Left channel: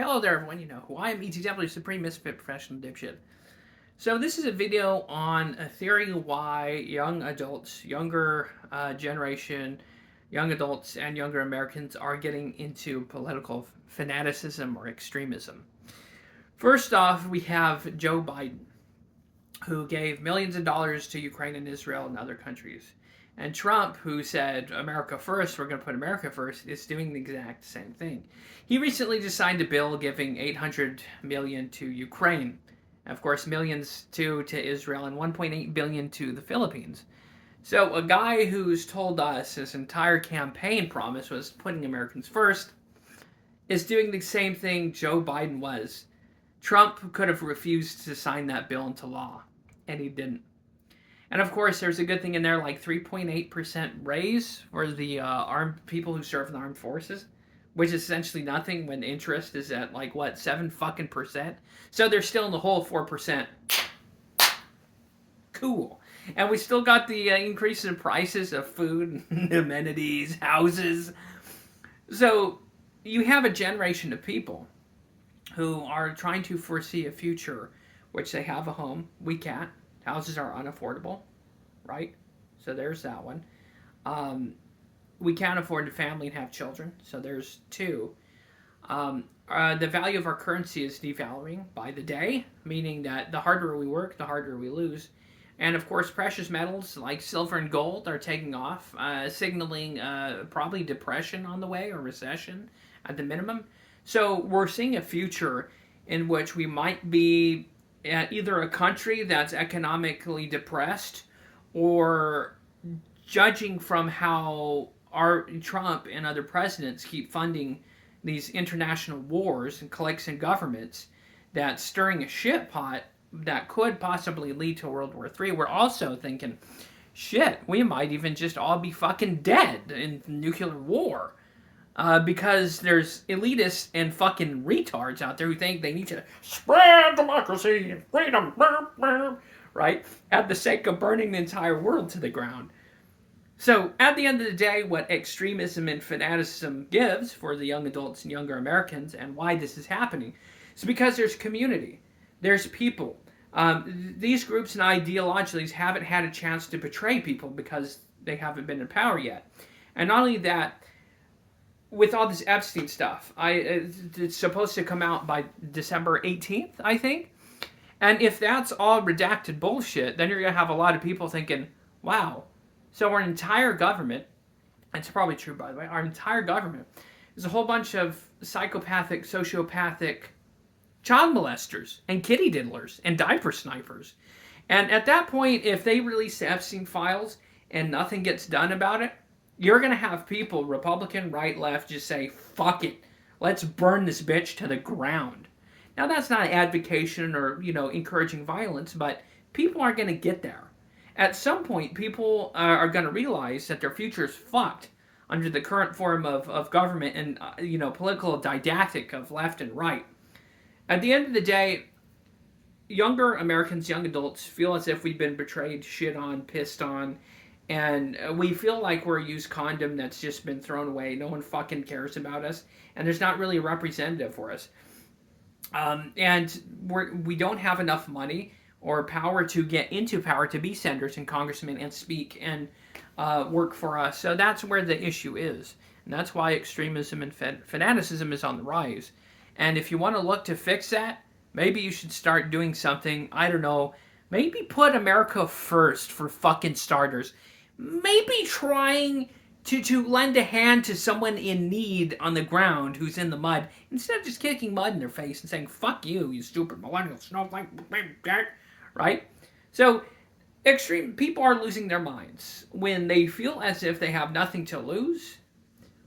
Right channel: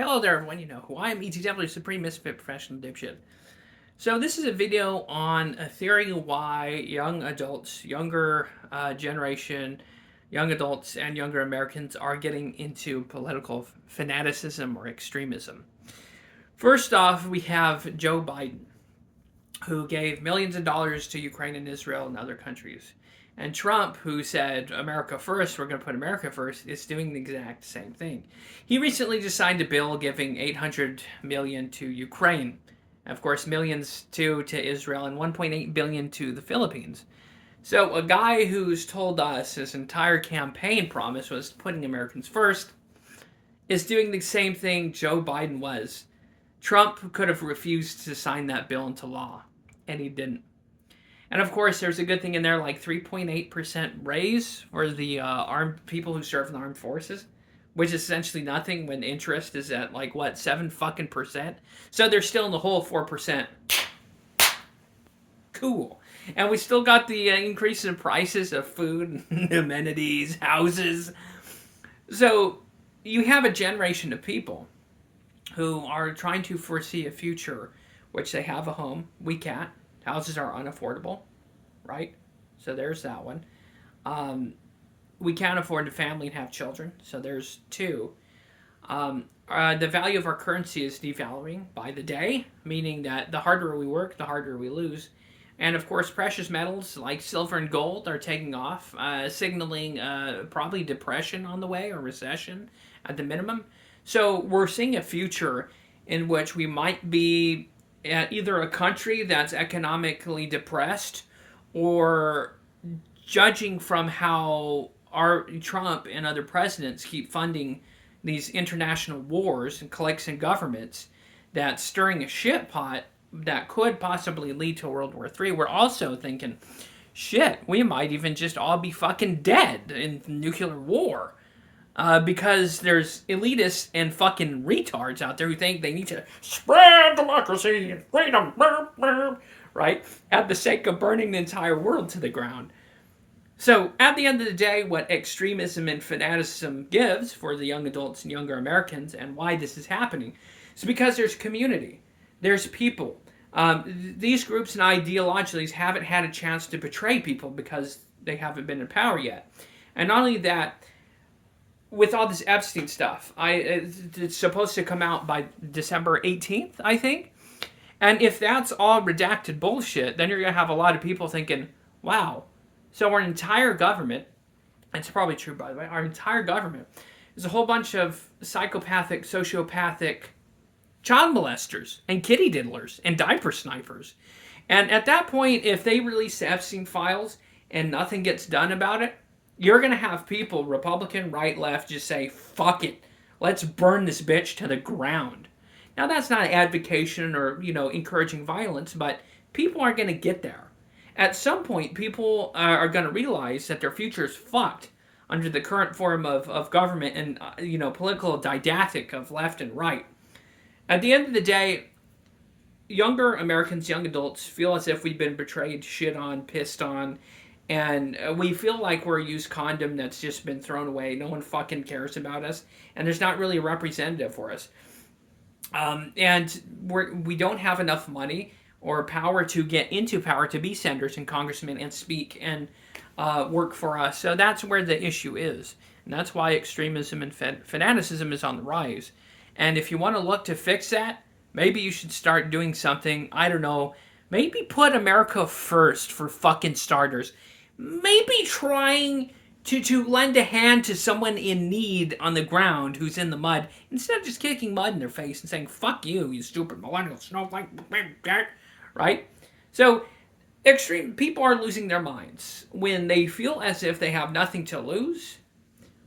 Hello there, everyone. You know who I am, ETW, Supreme Misfit Professional Dipshit. So this is a video on a theory why young adults, younger generation, young adults, and younger Americans are getting into political fanaticism or extremism. First off, we have Joe Biden, who gave millions of dollars to Ukraine and Israel and other countries. And Trump, who said, America first, we're going to put America first, is doing the exact same thing. He recently just signed a bill giving $800 million to Ukraine. And of course, millions to Israel and $1.8 billion to the Philippines. So a guy who's told us his entire campaign promise was putting Americans first is doing the same thing Joe Biden was. Trump could have refused to sign that bill into law, and he didn't. And of course, there's a good thing in there, like 3.8% raise for the armed people who serve in the armed forces, which is essentially nothing when interest is at like what 7%. So they're still in the whole 4%. Cool. And we still got the increase in prices of food, amenities, houses. So you have a generation of people who are trying to foresee a future, which they have a home. We can't. Houses are unaffordable, right? So there's that one. We can't afford a family and have children, so there's two. The value of our currency is devaluing by the day, meaning that the harder we work, the harder we lose. And of course, precious metals like silver and gold are taking off, signaling probably depression on the way or recession at the minimum. So we're seeing a future in which we might be either a country that's economically depressed, or judging from how our Trump and other presidents keep funding these international wars and cliques and governments, that's stirring a shit pot that could possibly lead to World War III. We're also thinking, shit, we might even just all be fucking dead in nuclear war. Because there's elitists and fucking retards out there who think they need to spread democracy and freedom, right? At the sake of burning the entire world to the ground. So, at the end of the day, what extremism and fanaticism gives for the young adults and younger Americans, and why this is happening, is because there's community. There's people. These groups and ideologies haven't had a chance to betray people because they haven't been in power yet. And not only that, with all this Epstein stuff, it's supposed to come out by December 18th, I think. And if that's all redacted bullshit, then you're going to have a lot of people thinking, wow, so our entire government, it's probably true by the way, our entire government is a whole bunch of psychopathic, sociopathic child molesters and kitty diddlers and diaper snipers. And at that point, if they release the Epstein files and nothing gets done about it, you're going to have people, Republican, right, left, just say, fuck it. Let's burn this bitch to the ground. Now, that's not advocation or, encouraging violence, but people are going to get there. At some point, people are going to realize that their future is fucked under the current form of government and, political didactic of left and right. At the end of the day, younger Americans, young adults, feel as if we've been betrayed, shit on, pissed on, and we feel like we're a used condom that's just been thrown away. No one fucking cares about us. And there's not really a representative for us. And we don't have enough money or power to get into power to be senators and congressmen and speak and work for us. So that's where the issue is. And that's why extremism and fanaticism is on the rise. And if you want to look to fix that, maybe you should start doing something, I don't know, maybe put America first for fucking starters. Maybe trying to lend a hand to someone in need on the ground who's in the mud, instead of just kicking mud in their face and saying, fuck you, you stupid millennial snowflake, right? So, extreme people are losing their minds. When they feel as if they have nothing to lose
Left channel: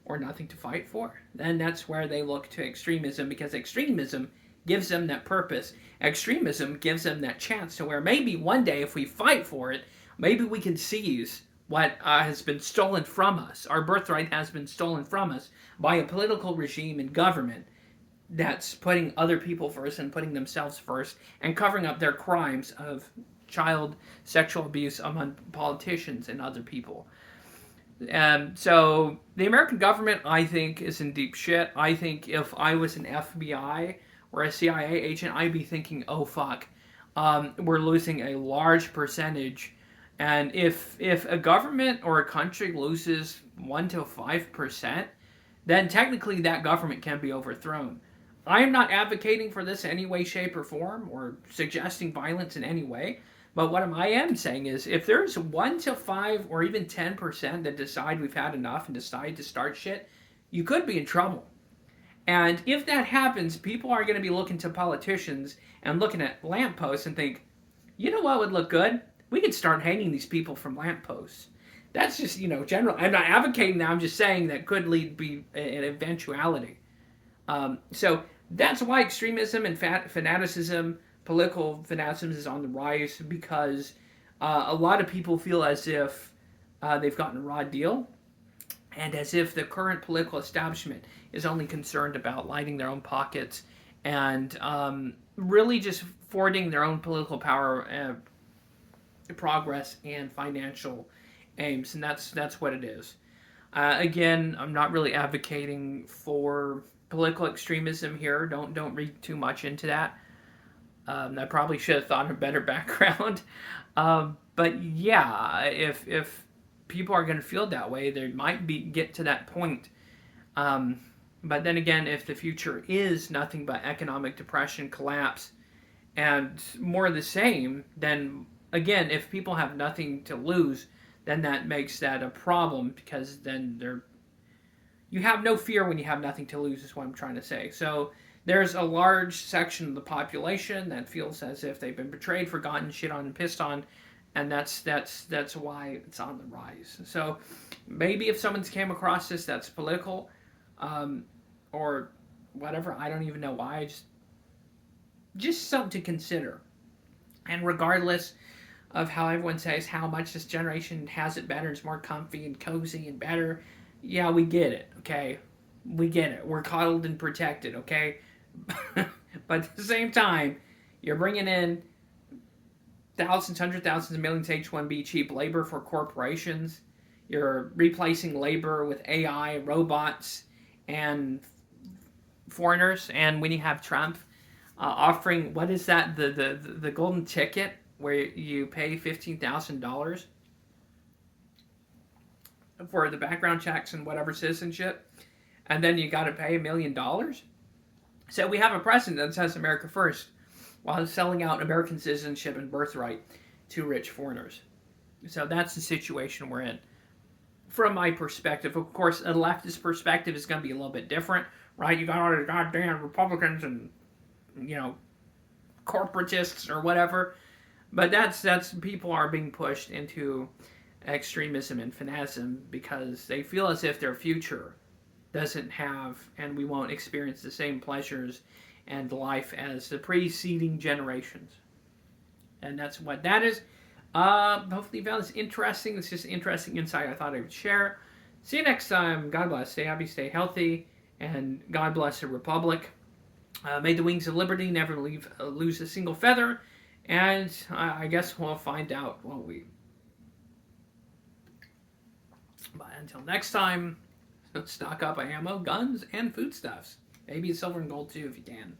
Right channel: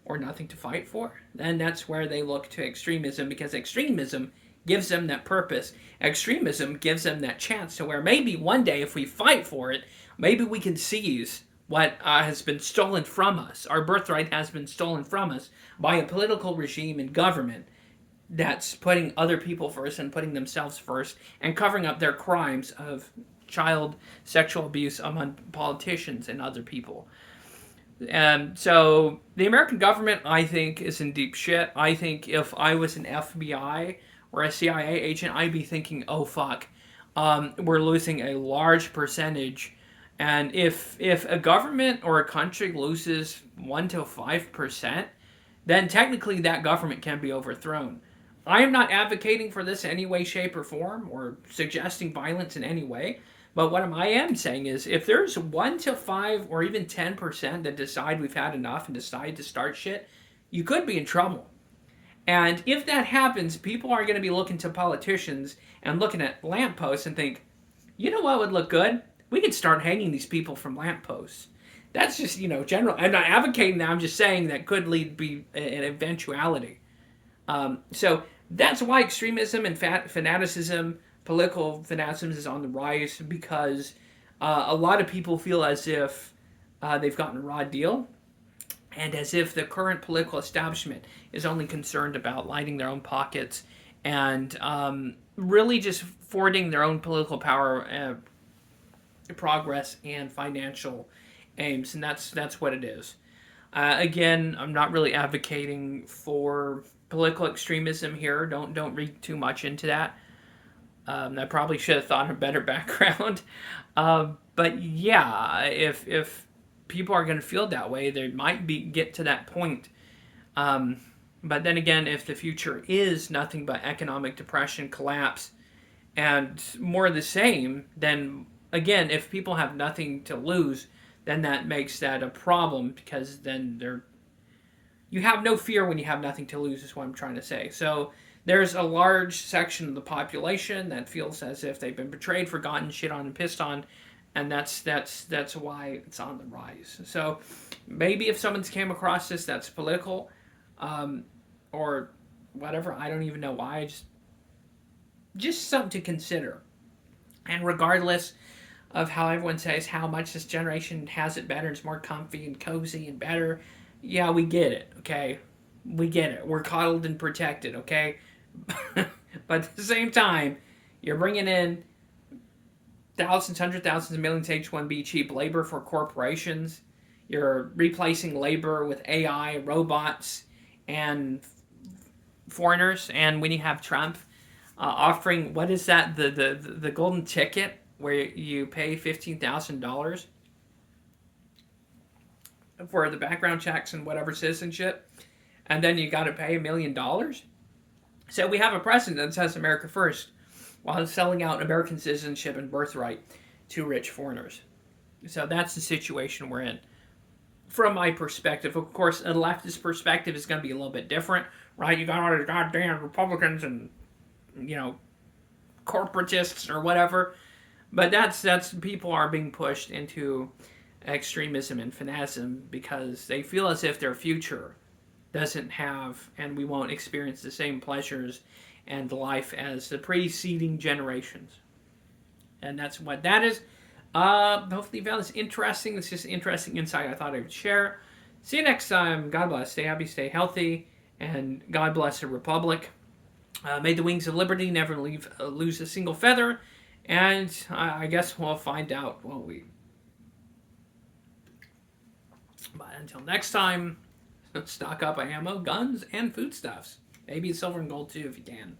or nothing to fight for, then that's where they look to extremism, because extremism gives them that purpose. Extremism gives them that chance to where maybe one day if we fight for it, maybe we can seize what has been stolen from us. Our birthright has been stolen from us by a political regime and government that's putting other people first and putting themselves first and covering up their crimes of child sexual abuse among politicians and other people. So the American government, I think, is in deep shit. I think if I was an FBI or a CIA agent, I'd be thinking, "Oh fuck, we're losing a large percentage." And if a government or a country loses 1 to 5%, then technically that government can be overthrown. I am not advocating for this in any way, shape, or form, or suggesting violence in any way. But what I am saying is, if there's 1 to 5 or even 10% that decide we've had enough and decide to start shit, you could be in trouble. And if that happens, people are going to be looking to politicians and looking at lampposts and think, you know what would look good? We could start hanging these people from lampposts. That's just, general. I'm not advocating that. I'm just saying that could lead to be an eventuality. So that's why extremism and fanaticism, political fanaticism, is on the rise, because a lot of people feel as if they've gotten a raw deal, and as if the current political establishment is only concerned about lining their own pockets and really just forwarding their own political power, progress, and financial aims, and that's what it is. Again, I'm not really advocating for political extremism here. Don't read too much into that. I probably should have thought of a better background. But yeah, if people are going to feel that way, they might get to that point. But then again, if the future is nothing but economic depression, collapse, and more of the same, then again, if people have nothing to lose, then that makes that a problem, because then you have no fear when you have nothing to lose, is what I'm trying to say. So there's a large section of the population that feels as if they've been betrayed, forgotten, shit on, and pissed on, and that's why it's on the rise. So maybe if someone's came across this that's political, or whatever, I don't even know why. Just something to consider. And regardless of how everyone says how much this generation has it better, it's more comfy and cozy and better, yeah, we get it, okay? We get it. We're coddled and protected, okay? But at the same time, you're bringing in thousands, hundreds, thousands, millions of H-1B cheap labor for corporations. You're replacing labor with AI, robots, and foreigners. And when you have Trump offering, what is that, the golden ticket, where you pay $15,000 for the background checks and whatever citizenship, and then you got to pay $1 million. So we have a president that says America first, while selling out American citizenship and birthright to rich foreigners. So that's the situation we're in. From my perspective, of course, a leftist perspective is going to be a little bit different, right? You got all the goddamn Republicans and, corporatists or whatever. But that's people are being pushed into extremism and fanaticism because they feel as if their future doesn't have, and we won't experience the same pleasures and life as the preceding generations. And that's what that is. Hopefully you found this interesting. It's just interesting insight I thought I would share. See you next time. God bless. Stay happy, stay healthy, and God bless the Republic. May the wings of liberty never lose a single feather. And I guess we'll find out, won't we? But until next time, stock up on ammo, guns, and foodstuffs. Maybe silver and gold too if you can.